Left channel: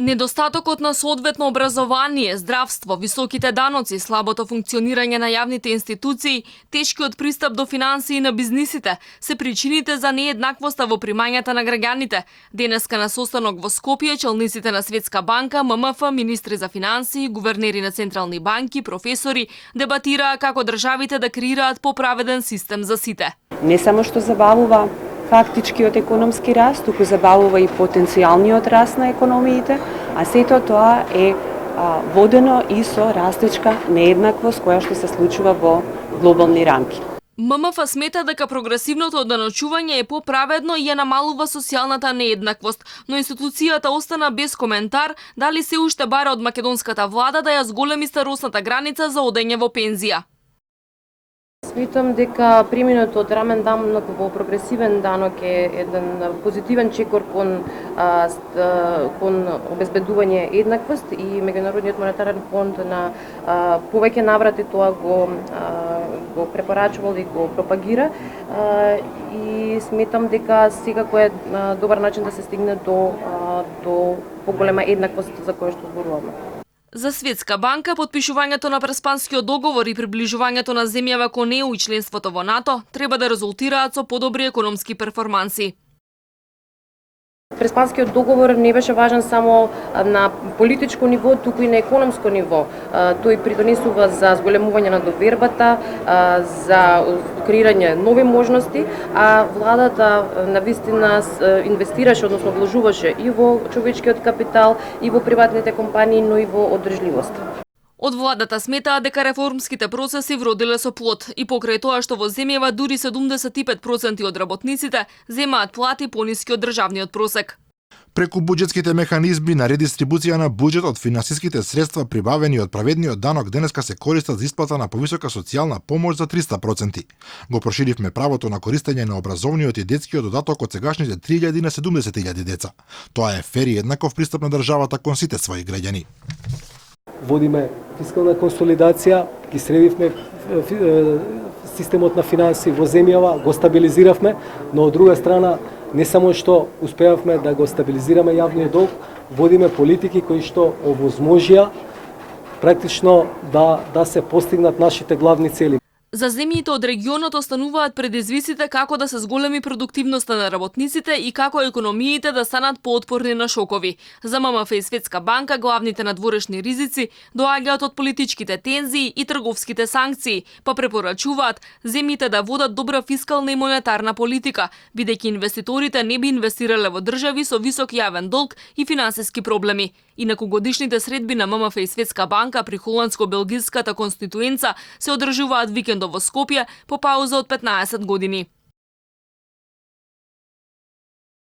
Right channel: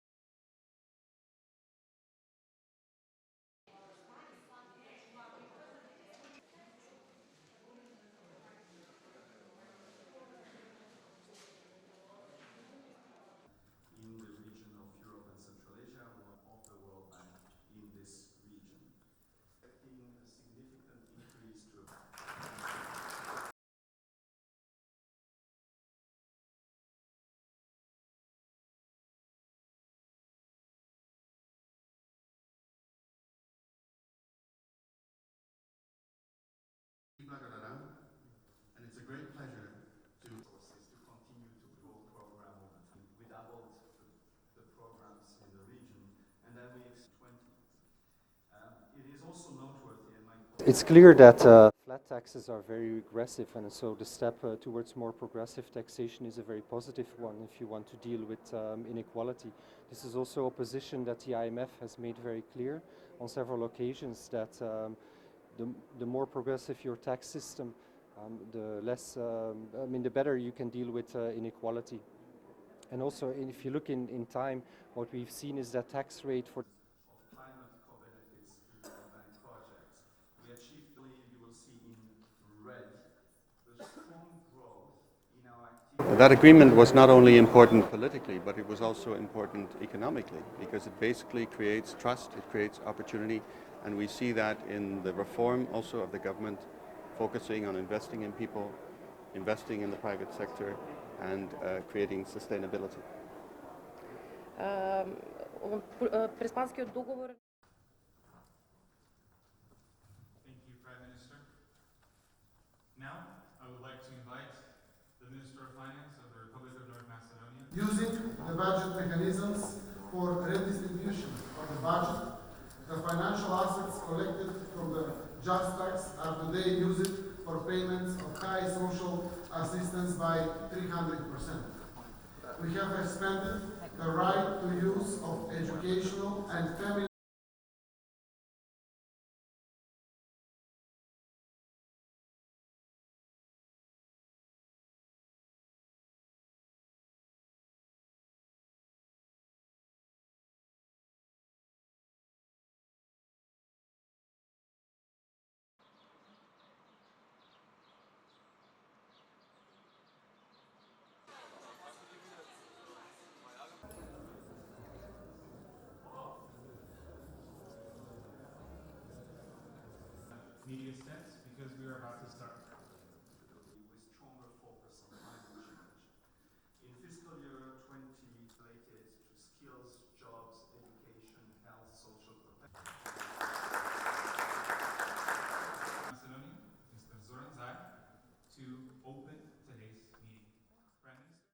Недостатокот на соодветно образование, здравство, високите даноци, слабото функционирање на јавните институции, тешкиот пристап до финансии на бизнисите се причините за нееднаквоста во примањата на граѓаните. Денеска на состанок во Скопје челниците на Светска банка, ММФ, министри за финансии, гувернери на централни банки, професори дебатираа како државите да креираат поправеден систем за сите. Не само што забавува фактичкиот економски раст, туку забавува и потенцијалниот раст на економиите, а сето тоа е водено и со растечка нееднаквост која што се случува во глобални рамки. ММФ смета дека прогресивното одданочување е поправедно и ја намалува социјалната нееднаквост, но институцијата остана без коментар дали се уште бара од македонската влада да ја зголеми старосната граница за одење во пензија. Сметам дека преминот од рамен данок во прогресивен данок е еден позитивен чекор кон обезбедување еднаквост и Меѓународниот монетарен фонд на повеќе наврати тоа го препорачувал и го пропагира и сметам дека секако е добар начин да се стигне до поголема еднаквост за која што зборуваме. За Светска банка, потпишувањето на Преспанскиот договор и приближувањето на земјава кон ЕУ и членството во НАТО треба да резултираат со подобри економски перформанси. Преспанскиот договор не беше важен само на политичко ниво, туку и на економско ниво. Тој придонесува за зголемување на довербата, за креирање нови можности, а владата навистина инвестираше, односно вложуваше и во човечкиот капитал, и во приватните компании, но и во одржливост. Од владата сметаа дека реформските процеси вродиле со плод и покрај тоа што во земјава дури 75% од работниците земаат плати пониски од државниот просек. Преку буџетските механизми на редистрибуција на буџет од финансиските средства прибавени од праведниот данок денеска се користат за исплата на повисока социјална помош за 300%. Го проширивме правото на користење на образовниот и детскиот додаток од сегашните 3.000 на 70.000 деца. Тоа е фер и еднаков пристап на државата кон сите своји граѓани. Водиме фискална консолидација, ги средивме системот на финанси во земјава, го стабилизиравме, но од друга страна не само што успеавме да го стабилизираме јавниот долг, водиме политики кои што овозможија практично да се постигнат нашите главни цели. За земјите од регионот остануваат предизвиците како да се зголеми продуктивноста на работниците и како економиите да станат поотпорни на шокови. За ММФ и Светска банка главните надворешни ризици доаѓаат од политичките тензии и трговските санкции, па препорачуваат земјите да водат добра фискална и монетарна политика, бидејќи инвеститорите не би инвестирале во држави со висок јавен долг и финансиски проблеми. Инаку годишните средби на ММФ и Светска банка при холандско-белгиската конституенца се одржуваат викендов во Скопје по пауза од 15 години.